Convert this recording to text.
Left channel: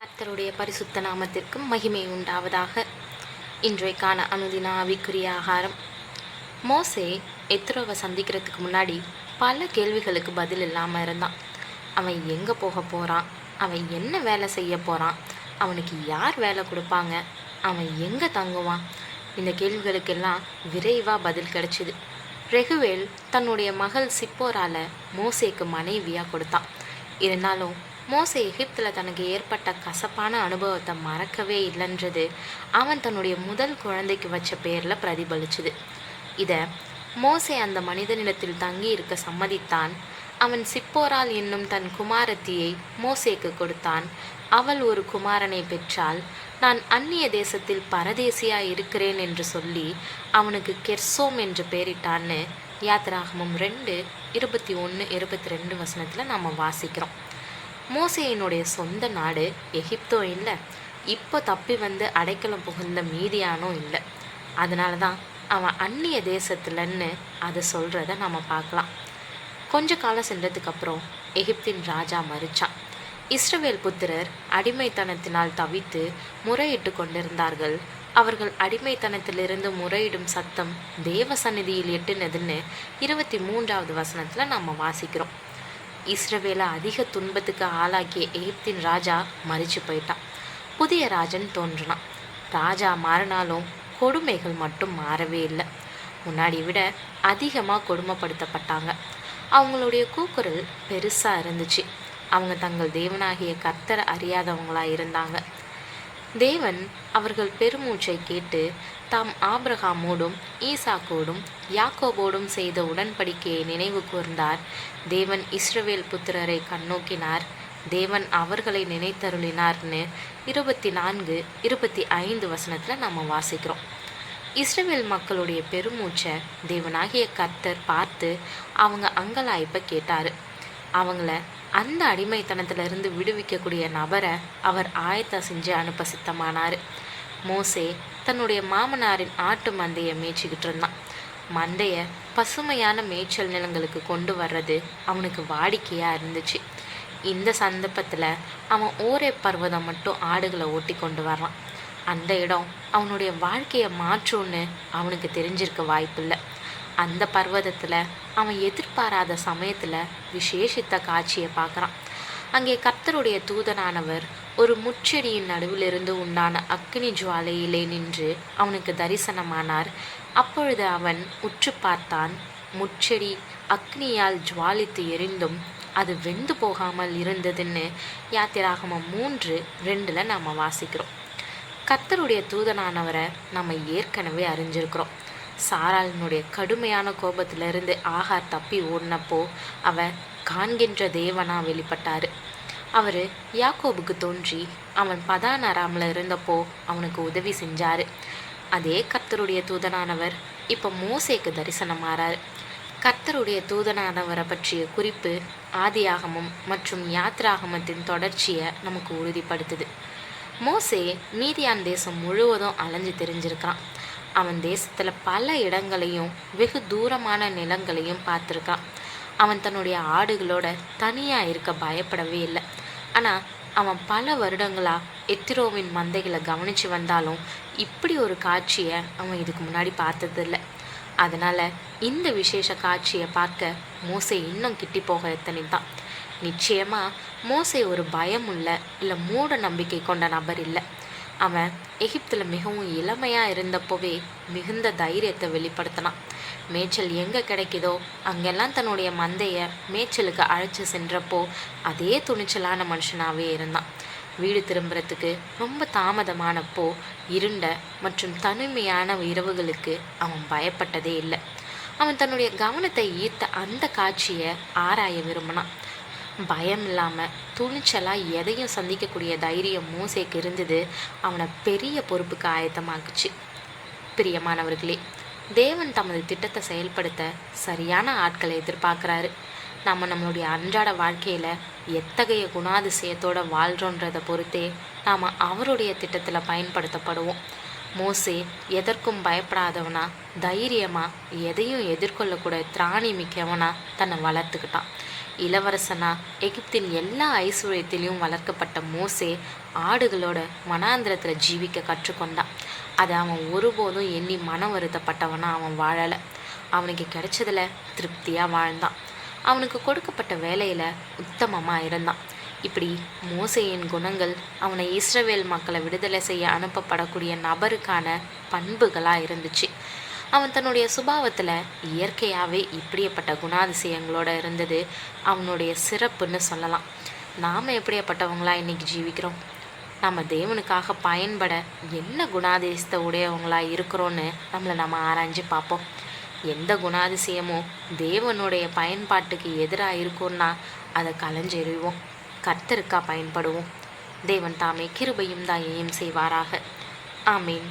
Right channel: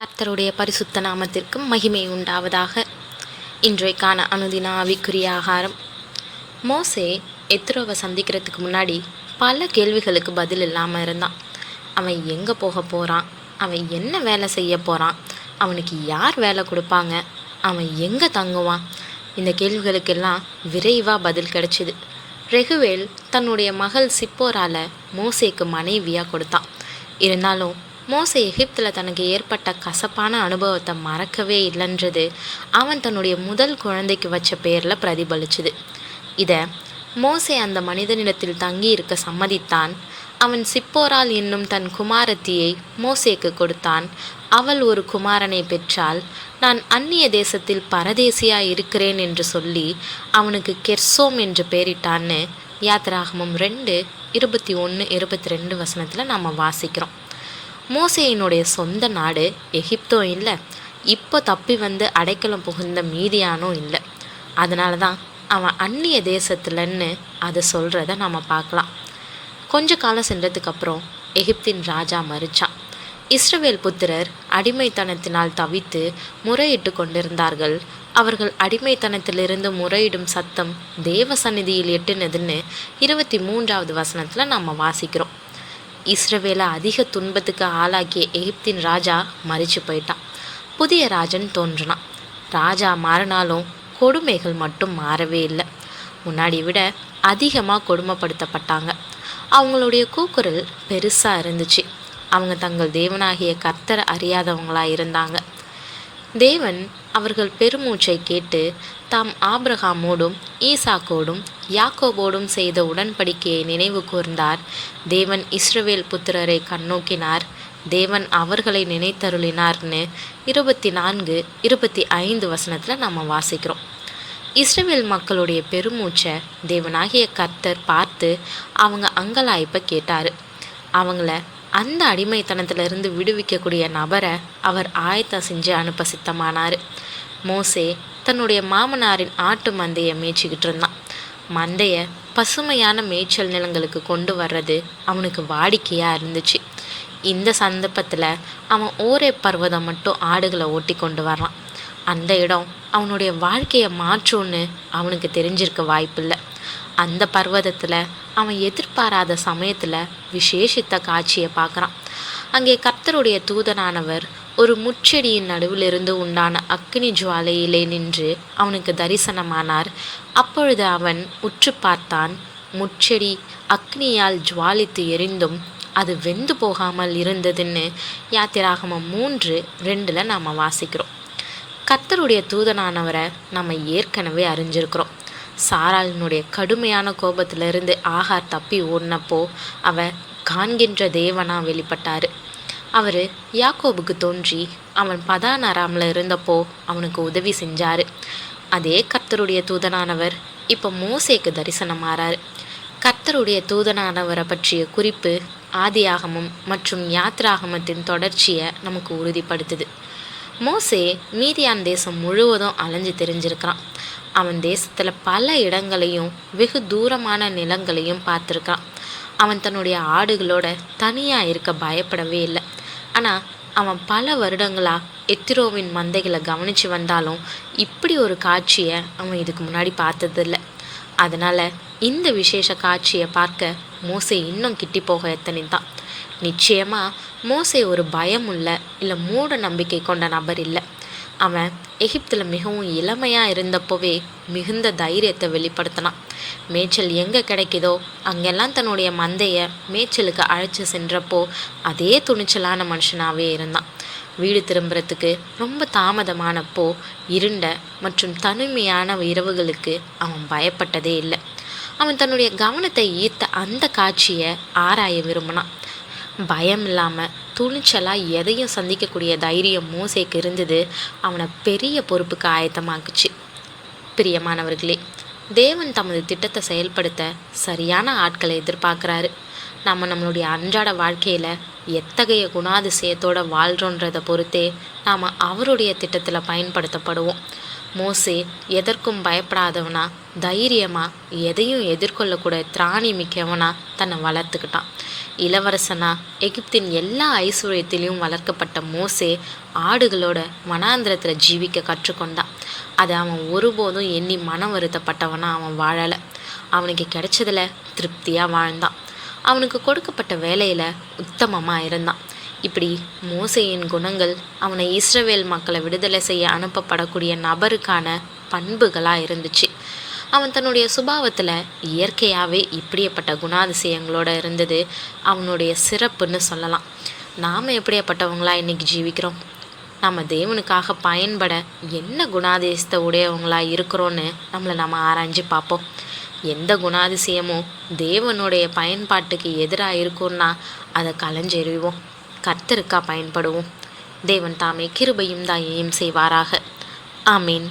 கர்த்தருடைய பரிசுத்த நாமத்திற்கு மகிமை உண்டாவதாக. இன்றைக்கான அனுதின ஆவிக்குரிய ஆகாரம். மோசே எத்ரோவை சந்திக்கிறதுக்கு முன்னாடி பல கேள்விகளுக்கு பதில் இல்லாமல் இருந்தான். அவன் எங்கே போக போகிறான், அவன் என்ன வேலை செய்ய போகிறான், அவனுக்கு யார் வேலை கொடுப்பாங்க, அவன் எங்கே தங்குவான், இந்த கேள்விகளுக்கெல்லாம் விரைவாக பதில் கிடைச்சிது. ரெகுவேல் தன்னுடைய மகள் சிப்போரால மோசேக்கு மனைவியாக கொடுத்தான். இருந்தாலும் மோசே எகிப்தில் தனக்கு ஏற்பட்ட கசப்பான அனுபவத்தை மறக்கவே இல்லைன்றது அவன் தன்னுடைய முதல் குழந்தைக்கு வச்ச பேரில் பிரதிபலிச்சுது. இதை மோசே அந்த மனிதனிடத்தில் தங்கி இருக்க சம்மதித்தான். அவன் சிப்போரால் என்னும் தன் குமாரத்தியை மோசேக்கு கொடுத்தான். அவள் ஒரு குமாரனை பெற்றால் நான் அந்நிய தேசத்தில் பரதேசியாக இருக்கிறேன் என்று சொல்லி அவனுக்கு கெர்சோம் என்று பெயரிட்டான்னு யாத்திராகமம் 2:21-22 நாம் வாசிக்கிறோம். மோசேயினுடைய சொந்த நாடு எகிப்தோ இல்லை, இப்போ தப்பி வந்து அடைக்கலம் புகுந்த மீதியானோ இல்லை. அதனால தான் அவன் அந்நிய தேசத்துலன்னு அதை சொல்கிறத நம்ம பார்க்கலாம். கொஞ்ச காலம் சென்றதுக்கப்புறம் எகிப்தின் ராஜா மரிச்சான். இஸ்ரவேல் புத்திரர் அடிமைத்தனத்தினால் தவித்து முறையிட்டு கொண்டிருந்தார்கள். அவர்கள் அடிமைத்தனத்திலிருந்து முறையிடும் சத்தம் தேவ சந்நிதியில் எட்டுனதுன்னு 23 நம்ம வாசிக்கிறோம். இஸ்ரவேலை அதிக துன்பத்துக்கு ஆளாக்கிய எகிப்தின் ராஜா மரிச்சு போயிட்டான். புதிய ராஜன் தோன்றினான். ராஜா மாறினாலும் கொடுமைகள் மட்டும் மாறவே இல்லை. முன்னாடி விட அதிகமாக கொடுமைப்படுத்தப்பட்டாங்க. அவங்களுடைய கூக்குரல் பெருசாக இருந்துச்சு. அவங்க தங்கள் தேவனாகிய கர்த்தரை அறியாதவங்களாக இருந்தாங்க. தேவன் அவர்கள் பெருமூச்சை கேட்டு தாம் ஆபிரகாமோடும் ஈசாக்கோடும் யாக்கோபோடும் செய்த உடன்படிக்கையை நினைவு கூர்ந்தார். தேவன் இஸ்ரவேல் புத்திரரை கண்ணோக்கினார். தேவன் அவர்களை நினைத்தருளினார்னு 24-25 நம்ம வாசிக்கிறோம். இஸ்ரவேல் மக்களுடைய பெருமூச்சை தேவனாகிய கர்த்தர் பார்த்து அவங்க அங்கலாய்ப்பை கேட்டார். அவங்கள அந்த அடிமைத்தனத்திலிருந்து விடுவிக்கக்கூடிய நபரை அவர் ஆயத்தம் செஞ்சு அனுப்ப சித்தமானார். மோசே தன்னுடைய மாமனாரின் ஆட்டு மந்தையை மேய்ச்சிக்கிட்டு இருந்தான். மந்தையை பசுமையான மேய்ச்சல் நிலங்களுக்கு கொண்டு வர்றது அவனுக்கு வாடிக்கையாக இருந்துச்சு. இந்த சந்தர்ப்பத்தில் அவன் ஓரே பர்வதம் மட்டும் ஆடுகளை ஓட்டி கொண்டு வர்றான். அந்த இடம் அவனுடைய வாழ்க்கையை மாற்றும்னு அவனுக்கு தெரிஞ்சிருக்க வாய்ப்பில்லை. அந்த பர்வதத்தில் அவன் எதிர்பாராத சமயத்தில் விசேஷித்த காட்சியை பார்க்குறான். அங்கே கர்த்தருடைய தூதனானவர் ஒரு முட்செடியின் நடுவிலிருந்து உண்டான அக்கினி ஜுவாலையிலே நின்று அவனுக்கு தரிசனமானார். அப்பொழுது அவன் உற்று பார்த்தான். முட்செடி அக்னியால் ஜுவாலித்து எரிந்தும் அது வெந்து போகாமல் இருந்ததுன்னு யாத்திராகமம் 3:2 நாம் வாசிக்கிறோம். கர்த்தருடைய தூதனானவரை நம்ம ஏற்கனவே அறிஞ்சிருக்கிறோம். சாராளினுடைய கடுமையான கோபத்திலிருந்து ஆகார் தப்பி ஓடினப்போ அவர் காண்கின்ற தேவனாக வெளிப்பட்டார். அவர் யாக்கோபுக்கு தோன்றி அவன் பதான் அராமில் இருந்தப்போ அவனுக்கு உதவி செஞ்சார். அதே கர்த்தருடைய தூதனானவர் இப்போ மோசேக்கு தரிசனமாறார். கர்த்தருடைய தூதனானவரை பற்றிய குறிப்பு ஆதியாகமம் மற்றும் யாத்ராகமத்தின் தொடர்ச்சியை நமக்கு உறுதிப்படுத்துது. மோசே மீதியான் தேசம் முழுவதும் அலைஞ்சு தெரிஞ்சிருக்கிறான். அவன் தேசத்தில் பல இடங்களையும் வெகு தூரமான நிலங்களையும் பார்த்துருக்கான். அவன் தன்னுடைய ஆடுகளோட தனியாக இருக்க பயப்படவே இல்லை. ஆனால் அவன் பல வருடங்களாக எத்திரோவின் மந்தைகளை கவனித்து வந்தாலும் இப்படி ஒரு காட்சியை அவன் இதுக்கு முன்னாடி பார்த்ததில்லை. அதனால் இந்த விசேஷ காட்சியை பார்க்க மோசே இன்னும் கிட்டி போக எத்தனைத்தான். நிச்சயமாக மோசே ஒரு பயமுள்ள இல்லை மூட நம்பிக்கை கொண்ட நபர் இல்லை. அவன் எகிப்தில் மிகவும் இளமையாக இருந்தப்போவே மிகுந்த தைரியத்தை வெளிப்படுத்தினான். மேய்ச்சல் எங்கே கிடைக்குதோ அங்கெல்லாம் தன்னுடைய மந்தையை மேய்ச்சலுக்கு அழைச்சி சென்றப்போ அதே துணிச்சலான மனுஷனாகவே இருந்தான். வீடு திரும்புறதுக்கு ரொம்ப தாமதமானப்போ இருண்ட மற்றும் தனிமையான இரவுகளுக்கு அவன் பயப்பட்டதே இல்லை. அவன் தன்னுடைய கவனத்தை ஈர்த்த அந்த காட்சியை ஆராய விரும்பினான். பயம் இல்லாமல் துணிச்சலாக எதையும் சந்திக்கக்கூடிய தைரியம் மோசேக்கு இருந்தது. அவனை பெரிய பொறுப்புக்கு ஆயத்தமாக்குச்சு. பிரியமானவர்களே, தேவன் தமது திட்டத்தை செயல்படுத்த சரியான ஆட்களை எதிர்பார்க்குறாரு. நம்மளுடைய அன்றாட வாழ்க்கையில் எத்தகைய குணாதிசயத்தோடு வாழ்கிறோன்றதை பொறுத்தே நாம் அவருடைய திட்டத்தில் பயன்படுத்தப்படுவோம். மோசே எதற்கும் பயப்படாதவனா, தைரியமாக எதையும் எதிர்கொள்ளக்கூட திராணி மிக்கவனா தன்னை வளர்த்துக்கிட்டான். இளவரசனா எகிப்தின் எல்லா ஐஸ்வர்யத்திலையும் வளர்க்கப்பட்ட மோசே ஆடுகளோட வனாந்திரத்தில் ஜீவிக்க கற்றுக்கொண்டான். அதை அவன் ஒருபோதும் எண்ணி மனம் வருத்தப்பட்டவனா அவன் வாழலை. அவனுக்கு கிடைச்சதில் திருப்தியாக வாழ்ந்தான். அவனுக்கு கொடுக்கப்பட்ட வேலையில் உத்தமமாக இருந்தான். இப்படி மோசேயின் குணங்கள் அவனை இஸ்ரவேல் மக்களை விடுதலை செய்ய அனுப்பப்படக்கூடிய நபருக்கான பண்புகளாக இருந்துச்சு. அவன் தன்னுடைய சுபாவத்தில் இயற்கையாகவே இப்படியப்பட்ட குணாதிசயங்களோடு இருந்தது அவனுடைய சிறப்புன்னு சொல்லலாம். நாம் எப்படியாப்பட்டவங்களாக இன்றைக்கி ஜீவிக்கிறோம்? நம்ம தேவனுக்காக பயன்பட என்ன குணாதிசயத்தை உடையவங்களாக இருக்கிறோன்னு நம்ம ஆராய்ஞ்சு பார்ப்போம். எந்த குணாதிசயமும் தேவனுடைய பயன்பாட்டுக்கு எதிராக இருக்கும்னா அதை களைஞ்செறிவோம். கர்த்தருக்கா பயன்படுவோம். தேவன் தாமே கிருபையும் தயையும் செய்வாராக. ஆமீன்.